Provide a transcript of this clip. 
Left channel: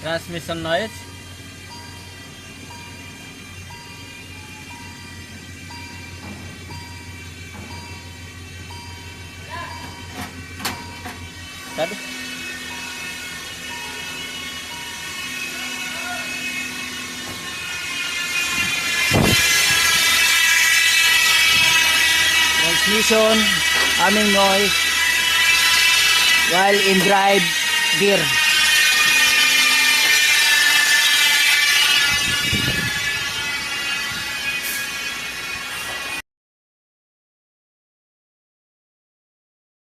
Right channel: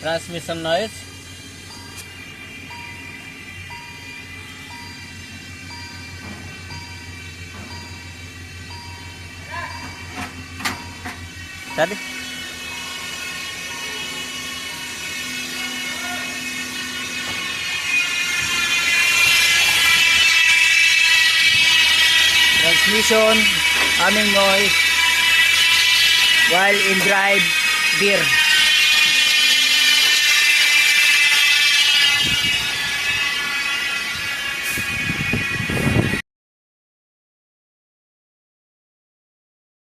Transmission noise. Tadi. Transmission, humming noise while in drive gear.